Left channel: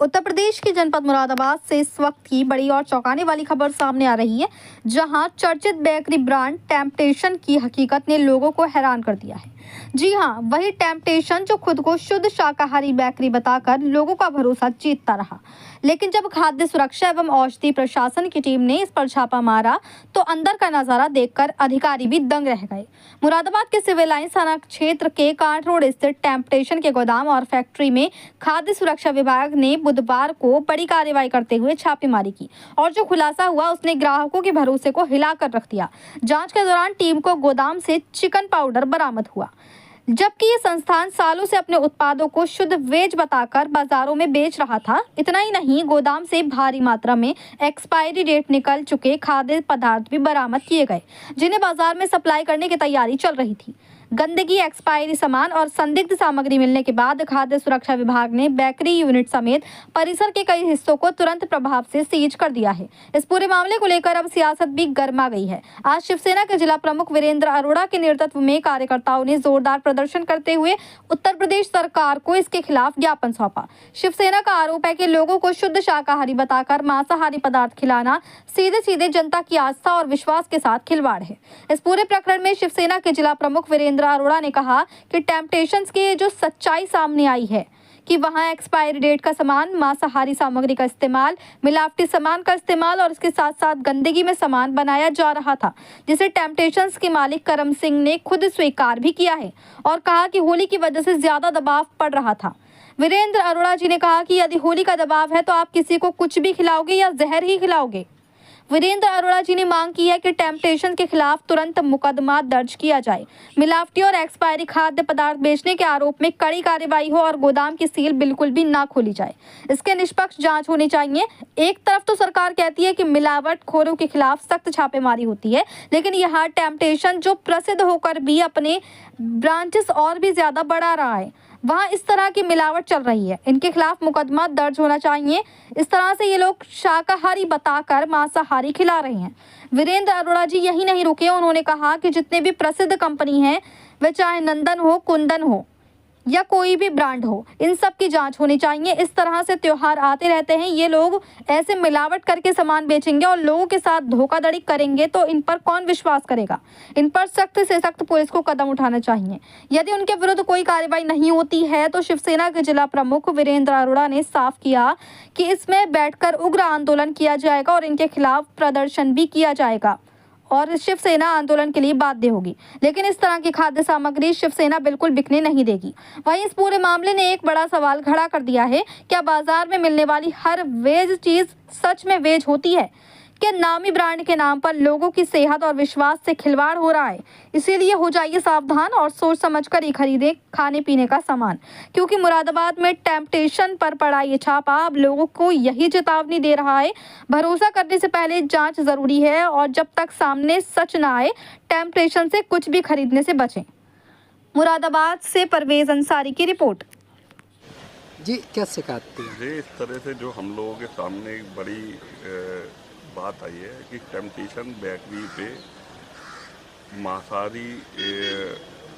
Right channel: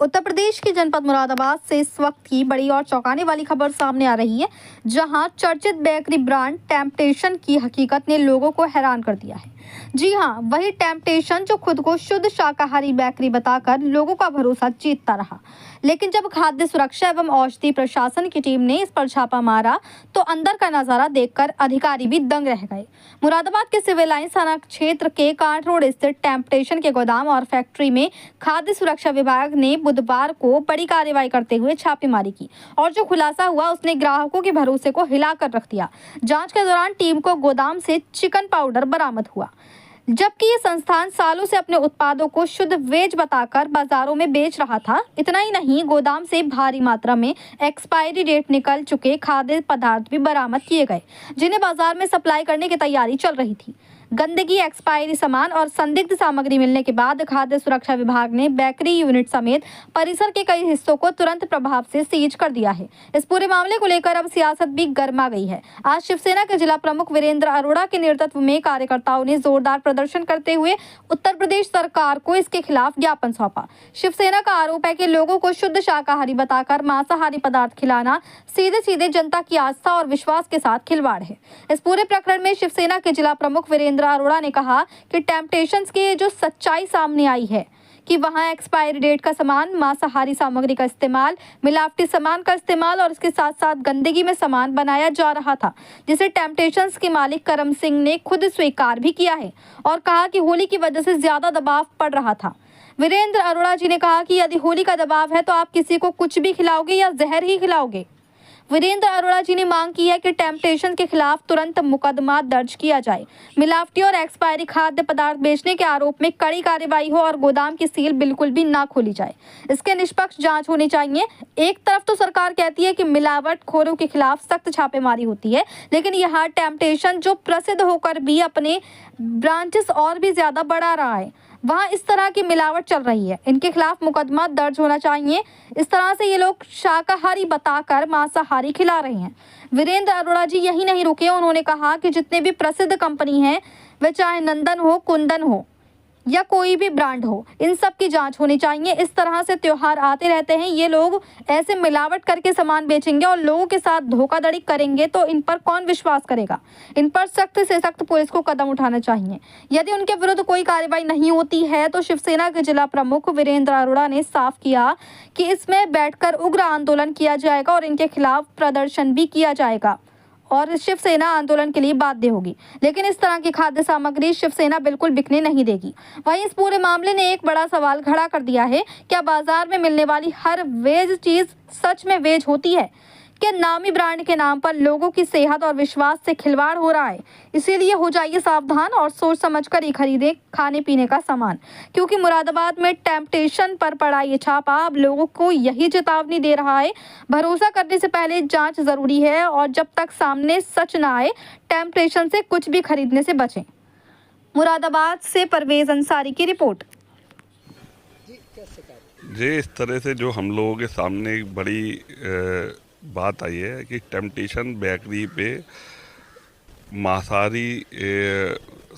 उत्तर प्रदेश के जनपद मुरादाबाद से इस वक्त की बड़ी और चौंकाने वाली खबर सामने आ रही है, जहां चर्चित बेकरी ब्रांड टेम्पटेशन की हकीकत ने लोगों को हैरान कर दिया है। जी हां, वही टेम्पटेशन जो खुद को शुद्ध शाकाहारी बेकरी बताकर लोगों का भरोसा जीतता रहा। लेकिन जब खाद्य सुरक्षा एवं औषधि प्रशासन की टीम ने इस पर छापा मारा तो अंदर का नजारा देखकर अधिकारी भी दंग रह गए। मुरादाबाद के सिविल लाइंस थाना क्षेत्र के कांट रोड स्थित टेम्पटेशन के गोदाम और फैक्ट्री में खाद्य सुरक्षा विभाग ने बुधवार को बड़ी कार्रवाई करते हुए छापेमारी की और जो खुलासा हुआ उसने ग्राहकों के भरोसे को हिलाकर रख दिया। जांच के दौरान टीम को गोदाम से चिकन पाउडर बरामद हुआ, जबकि ये संस्थान सालों से अपने उत्पादों को शुद्ध वेज बताकर बाजारों में बेच रहा था। इतना ही नहीं, गोदाम से भारी मात्रा में एक्सपायरी डेट निकल चुके खाद्य पदार्थ भी बरामद किए गए, जिन्हें बाजार में सप्लाई करने की तैयारी चल रही थी। गंदगी, एक्सपायरी सामान और संदिग्ध सामग्री मिलने के बाद खाद्य सुरक्षा विभाग ने बेकरी यूनिट समेत परिसर के कई हिस्सों को तुरंत प्रभाव से सीज कर दिया है। इस पूरे मामले को लेकर अब सियासत भी गर्मा गई है। आज शिवसेना के जिला प्रमुख वीरेंद्र अरोड़ा के नेतृत्व में कार्यकर्ताओं ने जोरदार प्रदर्शन करते हुए उत्तर प्रदेश सरकार को इसके खिलाफ ज्ञापन सौंपा। शिवसेना का आरोप है कि लोगों को शुद्ध शाकाहारी बताकर मांसाहारी पदार्थ खिलाना सीधे सीधे जनता की आस्था और विश्वास के साथ खिलवाड़ है। इस पूरे प्रकरण में शिवसेना के जिला प्रमुख वीरेंद्र अरोड़ा ने कहा कि टेम्पटेशंस की जो सच्चाई सामने आई है कि वहां एक्सपायरी डेट का सामान, मांसाहारी सामग्री का इस्तेमाल, मिलावटी सामान का इस्तेमाल और इसके साथ साथ गंदगी में सामान बनाया जा रहा था, जिसे टेम्पटेशंस के मालिक करम सिंह ने खुद स्वीकार भी किया है और कहा कि होली की वजह से ज्यादा दबाव पड़ रहा था। वीरेंद्र अरोड़ा जी ने कहा कि यदि होली का दबाव है तो आप किसी को कुछ भी खिलाओगे या जहर ही खिलाओगे। वीरेंद्र अरोड़ा जी ने मांग की है कि टेम्पटेशन के खिलाफ तुरंत मुकदमा दर्ज किया जाए, मिलावटी और एक्सपायरी खाद्य पदार्थ बेचने के आरोप में कड़ी कार्रवाई हो और गोदाम की सील बिल्कुल भी ना खोली जाए। इसके निष्पक्ष जांच होनी चाहिए। एक तरफ तो सरकार कहती है कि मिलावटखोरों के खिलाफ सख्त छापेमारी होती है, लेकिन यह टेम्पटेशन जो प्रसिद्ध होकर भी अपने ब्रांचेस और भी ज्यादा बढ़ा रहा है, वहाँ इस तरह की मिलावट चल रही है। इनके खिलाफ मुकदमा दर्ज होना चाहिए। इस तरह से ये लोग शाकाहारी बताकर मांसाहारी खिला रहे हैं। वीरेंद्र अरोड़ा जी यही नहीं रुके, उन्होंने कहा कि जितने भी प्रसिद्ध कंपनी हैं, वे चाहे नंदन हो, कुंदन हो या कोई भी ब्रांड हो, इन सब की जांच होनी चाहिए। इस तरह से त्योहार आते रहते हैं, ये लोग ऐसे मिलावट करके सामान बेचेंगे और लोगों के साथ धोखाधड़ी करेंगे तो इन पर कौन विश्वास करेगा। इन पर सख्त से सख्त पुलिस को कदम उठाना चाहिए। यदि उनके विरुद्ध कोई कार्रवाई नहीं होती है तो शिवसेना के जिला प्रमुख वीरेंद्र अरोड़ा ने साफ किया कि इसमें बैठकर उग्र आंदोलन किया जाएगा और इनके खिलाफ प्रदर्शन भी किया जाएगा और शिवसेना आंदोलन के लिए बाध्य होगी। लेकिन इस तरह की खाद्य सामग्री शिवसेना बिल्कुल बिकने नहीं देगी। वहीं इस पूरे मामले ने एक बड़ा सवाल खड़ा कर दिया है, क्या बाजार में मिलने वाली हर वेज चीज सच में वेज होती है? क्या नामी ब्रांड के नाम पर लोगों की सेहत और विश्वास से खिलवाड़ हो रहा है? इसीलिए हो जाइए सावधान और सोच समझकर ही खरीदें खाने पीने का सामान, क्योंकि मुरादाबाद में टेम्पटेशन पर पड़ा ये छापा अब लोगों को यही चेतावनी दे रहा है। भरोसा करने से पहले जांच जरूरी है और जब तक सामने सच ना आए, टेम्पटेशन से कुछ भी खरीदने से बचें। मुरादाबाद से परवेज अंसारी की रिपोर्ट। जी, क्या शिकायत थी? जी, इस तरह से जो हम लोगों के सामने एक बड़ी बात आई है कि टेम्पटेशन बेकरी पे मांसाहारी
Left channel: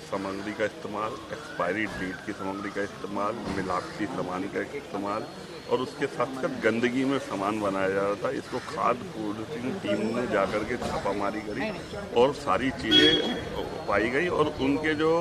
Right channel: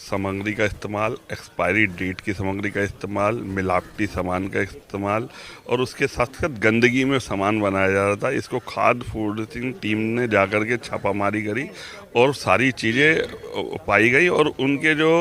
सामग्री का इस्तेमाल, एक्सपायरी डेट की सामग्री का इस्तेमाल, मिलावटी सामान का इस्तेमाल और उसके साथ साथ गंदगी में सामान बनाया जा रहा था। इसको खाद्य फूड टीम ने जाकर के छापामारी करी और सारी चीज़ें पाई गई और उनके जो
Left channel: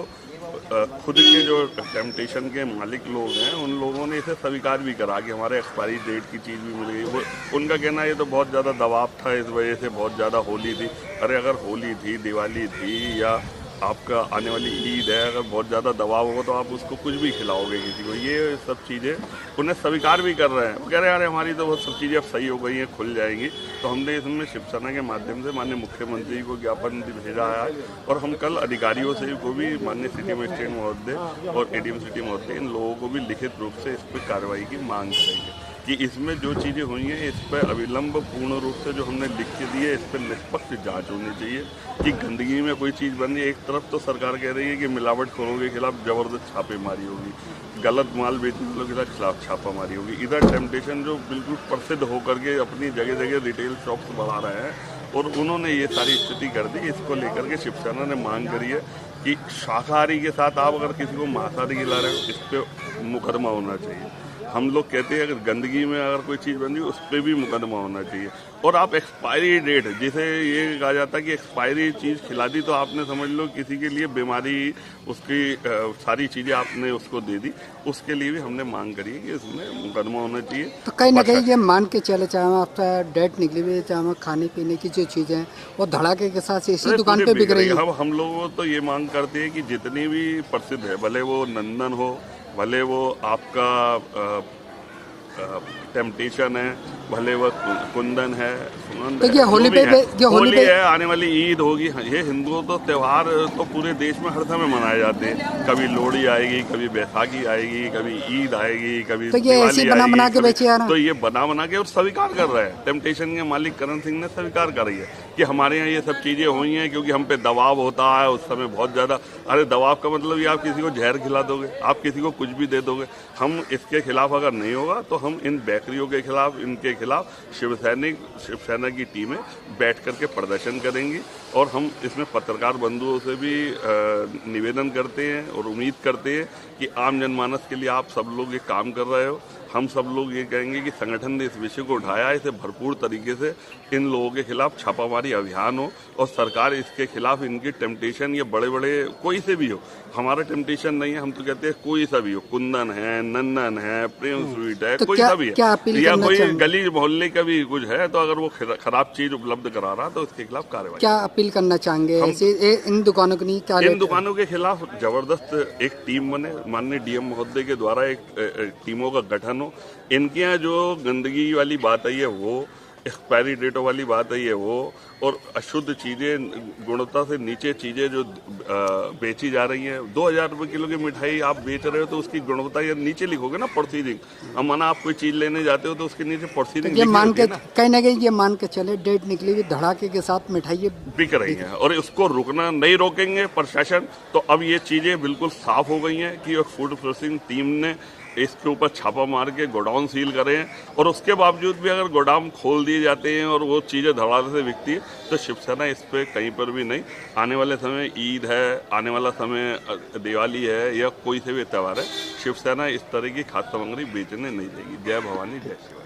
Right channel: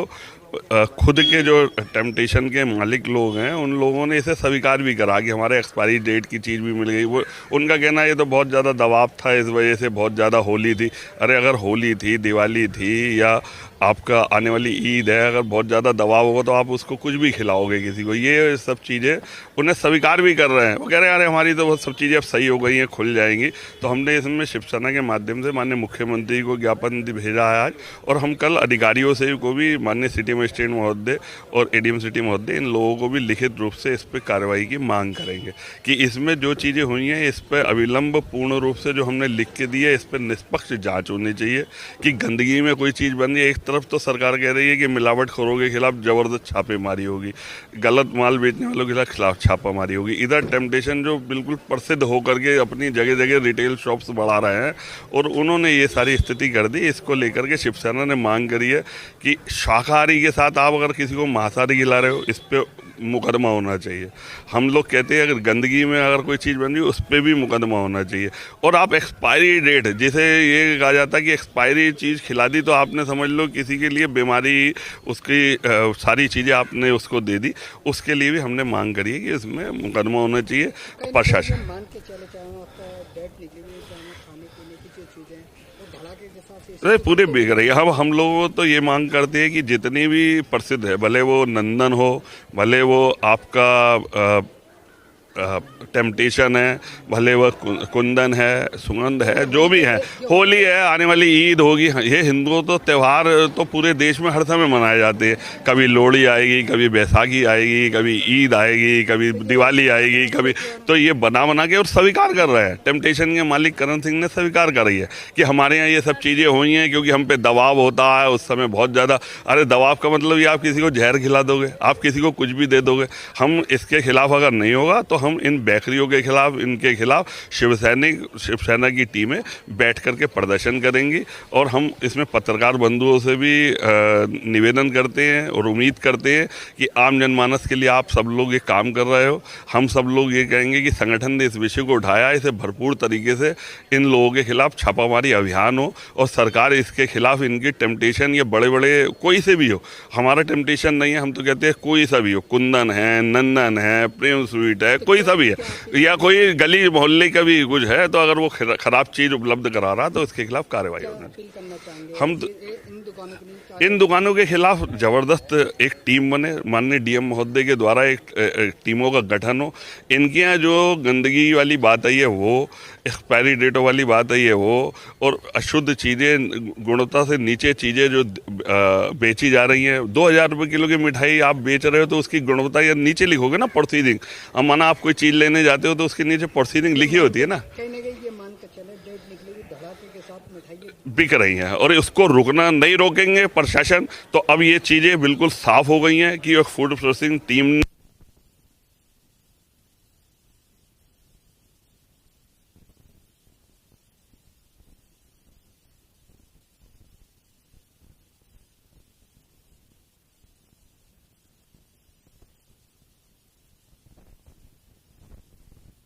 खुद के जो टेम्पटेशन के मालिक लोग हैं उन लोगों ने इसे स्वीकार भी करा कि हमारे एक्सपायरी डेट की चीज़ भी मिल गई। वो उनका कहना ये तो बहुत ज़्यादा दबाव था, इस वजह से बहुत ज़्यादा होली थी। अरे अगर होली थी, दिवाली थी या आपका आने वाली ईद है, अगर बहुत ज़्यादा दबाव होगा तो आप उसको कुछ भी खिलाओगे किसी को। ये सब चीज़ें उन्हें स्वीकार भी कर रहे हैं। वो कह रहे हैं अरे हमारी तो बहुत सब चीज़ें अब सही हो गई हैं, खुल जाएंगी। तो हमने इसमें शिवसेना के माध्यम से माननीय मुख्यमंत्री को ज्ञापन भेजा है और हम कल अधिकारियों से को भी, माननीय सिटी मजिस्ट्रेट महोदय और एडीएम सिटी महोदय, इन लोगों को भी लिखित रूप से इस पर कार्रवाई की मांग करेंगे कि इसमें जो चीज़ें हुई हैं इस पर अविलंब पूर्ण रूप से जो हमने लिख के दी है इस पर निष्पक्ष जाँच होनी चाहिए कि गंदगी में कोई चीज़ बन रही है। एक तरफ तो सरकार कह रही है कि मिलावटखोरों के खिलाफ जबरदस्त छापेमारी होगी, गलत माल बेचने वालों के खिलाफ छापामारी होगी। इधर टेम्पटेशन जो बिल्कुल प्रसिद्ध होकर के अपनी जगह जगह रिटेल शॉप्स बढ़ा रहे हैं और उन्होंने ये सारी स्थिति कर दी। इसको लेकर के शिवसेना ने मांग करी है कि शाकाहारी के साथ आप अगर किसी को मांसाहारी खिला रहे हो इस पर मुकदमा होना चाहिए। हम लोग कहते हैं अगर गंदगी में अगर कोई चीज़ बन रही है उस पर भी मुकदमा होना चाहिए। और आप एक्सपायरी डेट, जैसे ये कहा जाता है कि एक्सपायरी चीज़ खिला दी तो आपने समझ लो किसी के लिए बीमारी, उसकी सारी चीज़ें आपने उसको दे दी, उसके लिए भी हमने मांग करी है कि इसमें मुकदमा होना चाहिए। तो कहीं ना कहीं ये मान के चले, चाहे आपका डेट निकली हुई है, चाहे खाने पीने की जो चीज़ें हैं वो धड़ाके के साथ इसी दुकान पूरे पे बिक बिक रही रही है। है। हम लोग तो ये मांग करते हैं कि जितनी भी प्रसिद्ध है, भले वो नंदन हो, भले वो आपका टेम्पटेशन है, भले वो कुंदन है, सुगंध तो है, ये जो भी है, होली पे है, आने वाली ईद होगी। ये हिंदुओं तो त्यौहार तो पूरे देश में हर समय मनाए जाते हैं। कभी लोहड़ी आएगी, कभी बैसाखी आएगी, कभी ईद आएगी, कभी तो ये दिवाली ऐसे बना आएगी, बना के कभी बेचे जा रहा है। तो ये बना के और स्वीकार कर रहे हैं। टेम्पटेशन के मालिक करण सिंह ने स्वीकार करी है कि हमारे यहाँ ये सब चीज़ें हुई हैं क्योंकि हम पे दबाव होता है उस समय बहुत ज़्यादा। अरे दबाव का मतलब ये आप किसी को जहर खिला दोगे, आप किसी को कुछ भी दे दोगे। हम इसके खिलाफ अगर नहीं होगा तो हम इन बेकरियों के खिलाफ, इनके खिलाफ शिवसेना की टीमें बैठ करके प्रदर्शन करेंगी। और हम इसमें पत्रकार बंधुओं से भी निवेदन करते हैं और उम्मीद करते हैं कि आम जनमानस के लिए आप सब लोग ये काम कर रहे हो। हम सब लोग ये कहेंगे कि संगठन ने इस विषय को उठाया, इसे भरपूर तरीके से इन लोगों के खिलाफ छापामारी अभियान हो और सरकार इसके खिलाफ, इनकी टेम्पटेशन ये बड़े बड़े कोई से भी हो, हमारा टेम्पटेशन नहीं है, हम तो कहते हैं कोई सा भी हो, कुंदन है, नंदन है, प्रेम स्वीट है, तो कोई सा भी है, या कोई चाहिए? गली मोहल्ले का भी कुछ है, तो अगर वो खराब चीज उपलब्ध करा रहा तो इसके खिलाफ कार्रवाई। क्या अपील करना चाहेंगे हम इन दुकानों को नहीं, क्या इन दुकानों के खिलाफ जबरदस्त एक टीम बने, माननीय डीएम महोदय के द्वारा एक टीमों का गठन हो। इनके यहाँ जो गंदगी वाली बात आई है वो, एक्सपायरी डेटों वाली बात आई है वो, और अशुद्ध चीज़ें, गुणवत्ता से नीचे चीज़ें जो बेची जा रही हैं। 2000 रुपये किलो की मिठाई आप बेच रहे हो तो उसकी गुणवत्ता या नीचे लिखोगे ना, प्रोसीडिंग। अब माना आप कोई चीज़ लेने जाते हो तो उसके नीचे प्रोसीडिंग लिखी होती है ना। कहीं ना कहीं ये मान के चले डेट निकली हुई धड़ाके के साथ मिठाई बिक रही हैं और इसको रुकना नहीं रोकेंगे प्रशासन। तो अब ये चीज़ें बिल्कुल साफ हो गई हैं कि फूड प्रोसेसिंग टीम ने इसके ऊपर छापा मार के गोडाउन सील करे हैं, और उसके बावजूद भी अगर गोडाउन खोल दिए जाते हैं और वो चीज़ें धड़ाधड़ से बिकती है तो शिवसेना इस पर कहीं पर भी नहीं। आने वाले समय ईद है, आने वाला समय दिवाली है या कोई से भी त्यौहार है, शिवसेना इस तरह की खाद्य सामग्री बेचने नहीं देगी। जय भवानी, जय शिवा।